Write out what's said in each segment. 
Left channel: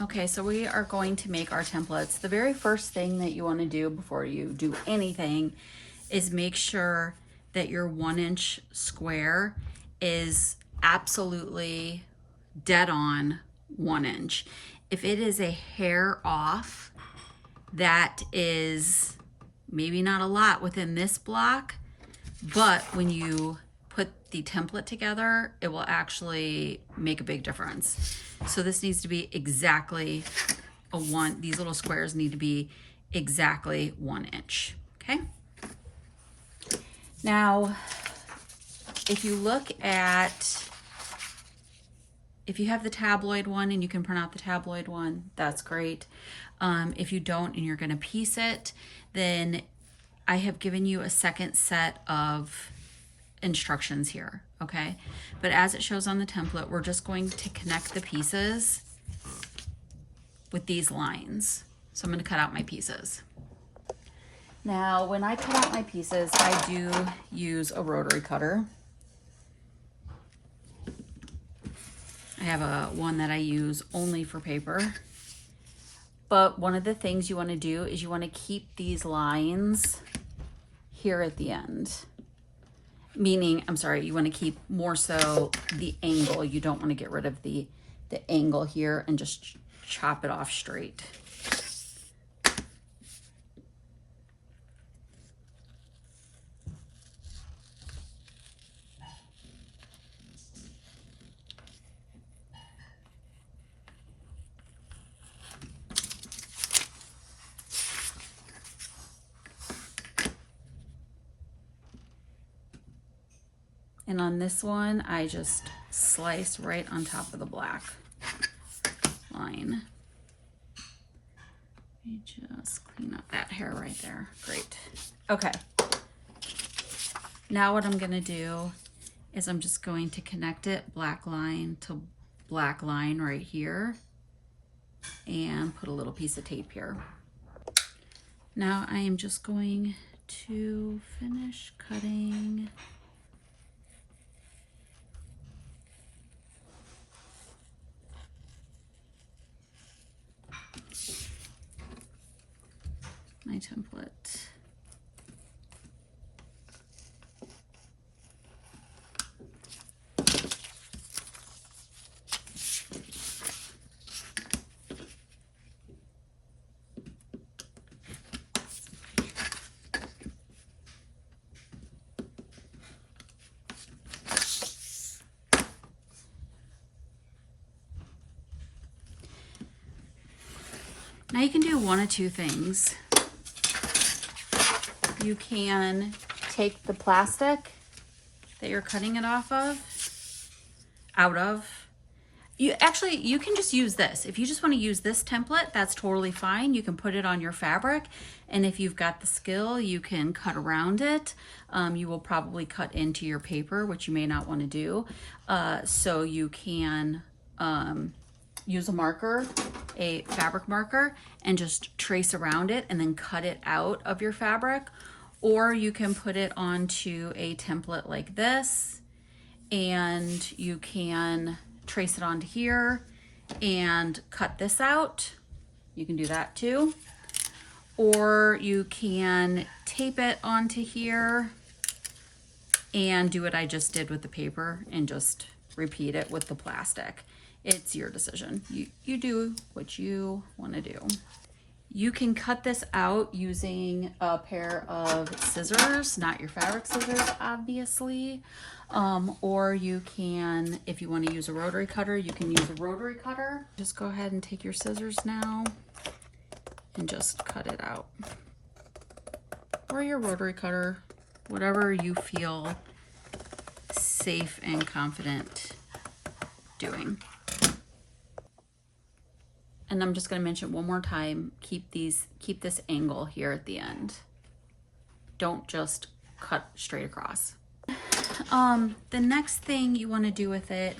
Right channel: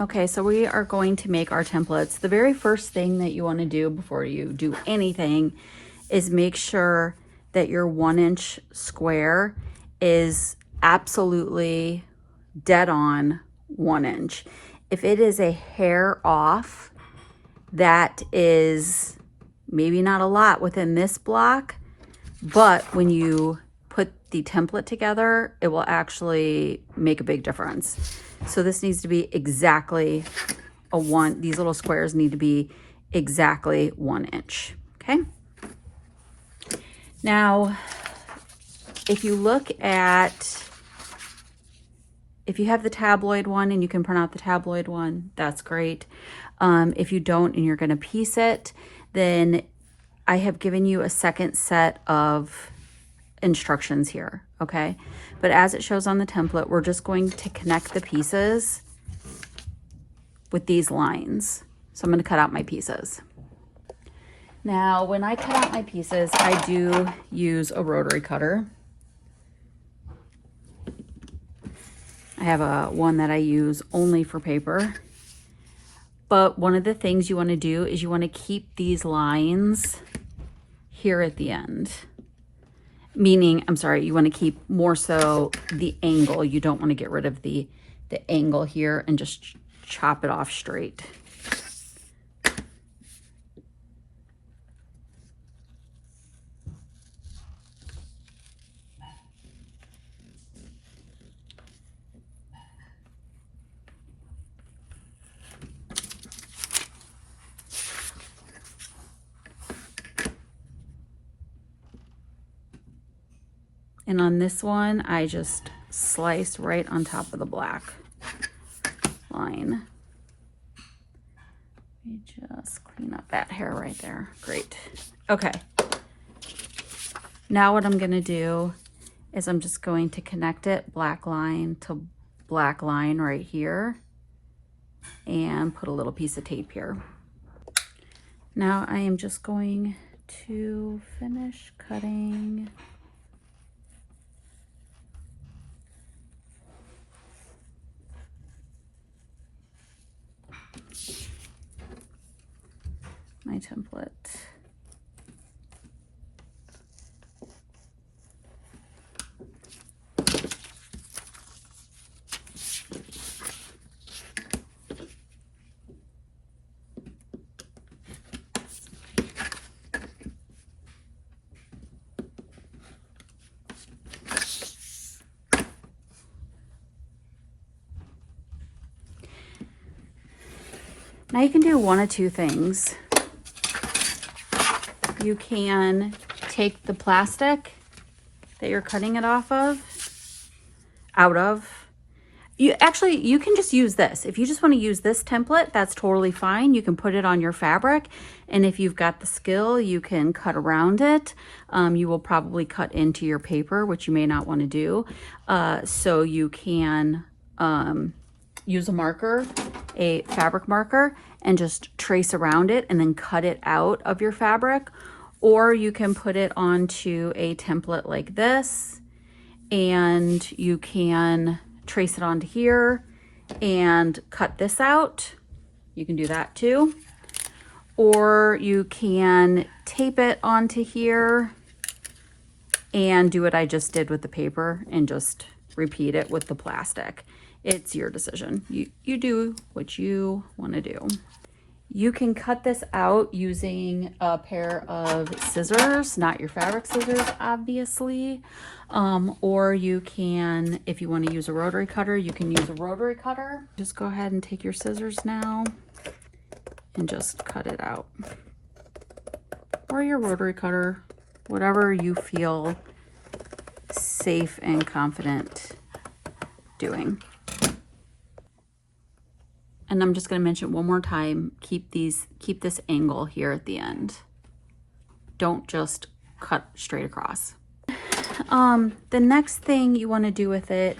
Okay, so we are going to make our templates. The very first thing that you want to do before you do anything is make sure that your 1-inch square is absolutely dead on 1 inch. If it is a hair off, that is maybe not a lot within this block, but when you put the template together, it will actually make a big difference. So this needs to be exactly these little squares need to be exactly 1 inch, okay? Now, if you have the tabloid one and you can print out the tabloid one, that's great. If you don't and you're gonna piece it, then I have given you a second set of instructions here, okay? But as it shows on the template, we're just going to connect the pieces with these lines. So I'm gonna cut out my pieces. Now, when I cut out my pieces, I do use a rotary cutter. I have one that I use only for paper. But one of the things you wanna do is you wanna keep these lines here at the end. Meaning, I'm sorry, you want to keep more so the angle. You don't want to get rid of the angle here and just chop it off straight. And on this one, I just slice right on top of the black line. Let me just clean up that hair right there. Great. Okay. Now what I'm gonna do is I'm just going to connect it black line to black line right here and put a little piece of tape here. Now I am just going to finish cutting my template. Now you can do one of two things. You can take the plastic that you're cutting it out of. You can just use this. If you just want to use this template, that's totally fine. You can put it on your fabric, and if you've got the skill, you can cut around it. You will probably cut into your paper, which you may not want to do. So you can use a marker, a fabric marker, and just trace around it and then cut it out of your fabric. Or you can put it onto a template like this, and you can trace it onto here and cut this out. You can do that too. Or you can tape it onto here and do what I just did with the paper and just repeat it with the plastic. It's your decision. You do what you want to do. You can cut this out using a pair of scissors, not your fabric scissors, obviously. Or you can, if you want to use a rotary cutter, you can use a rotary cutter. Just go ahead and take your scissors now and just cut it out. Or your rotary cutter, whatever you feel safe and confident doing. And I'm just going to mention one more time, keep this angle here at the end. Don't just cut straight across. The next thing you want to do with it,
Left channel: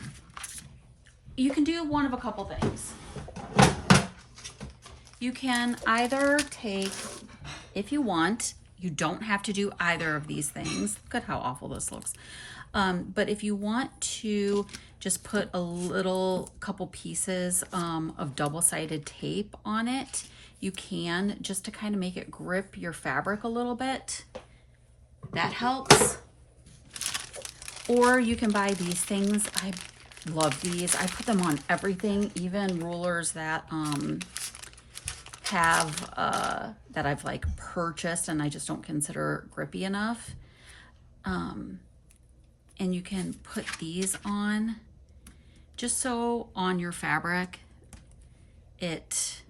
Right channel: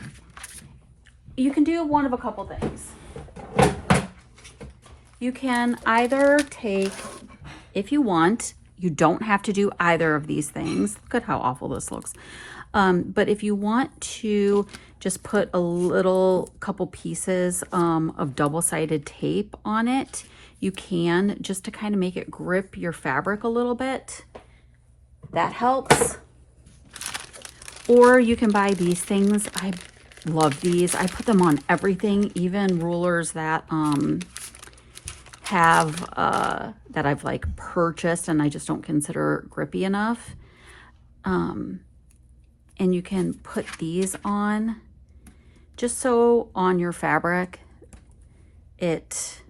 you can do one of a couple things. You can either take, if you want, you don't have to do either of these things. Look at how awful this looks. But if you want to just put a little couple pieces of double-sided tape on it. You can, just to kind of make it grip your fabric a little bit. That helps. Or you can buy these things. I love these. I put them on everything, even rulers that that I've like purchased and I just don't consider grippy enough. And you can put these on just so on your fabric it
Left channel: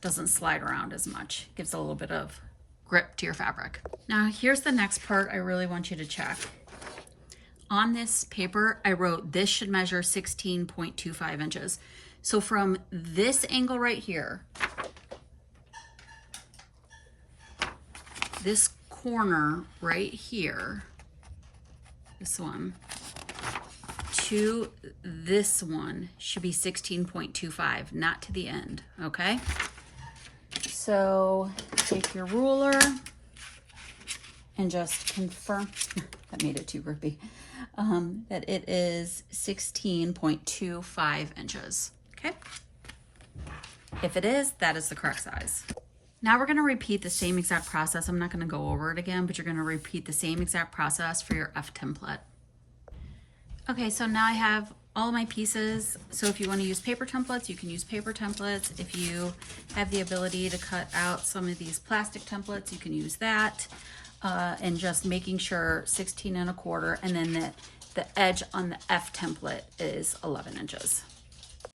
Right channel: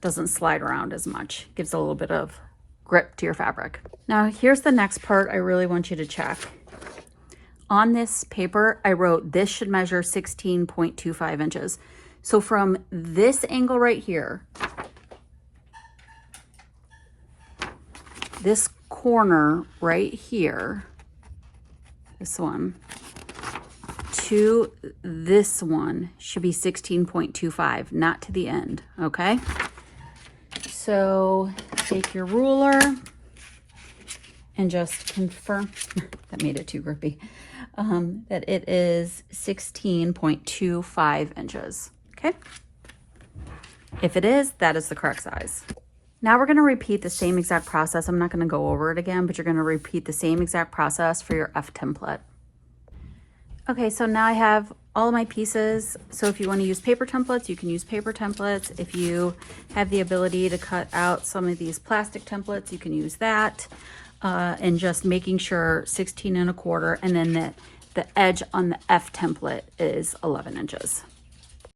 doesn't slide around as much. Gives a little bit of grip to your fabric. Now here's the next part I really want you to check. On this paper, I wrote this should measure 16.25 inches. So from this angle right here, this corner right here, this one, to this one should be 16.25, not to the end, okay? So take your ruler and just confirm, that made it too grippy, that it is 16.25 inches, okay? If it is, that is the correct size. Now we're gonna repeat the same exact process. I'm not gonna go over it again, but you're gonna repeat the same exact process for your F template. Okay, so now I have all of my pieces. So if you wanna use paper templates, you can use paper templates. If you have the ability to cut out some of these plastic templates, you can use that. And just making sure 16 1/4, and then the edge on the F template is 11 inches.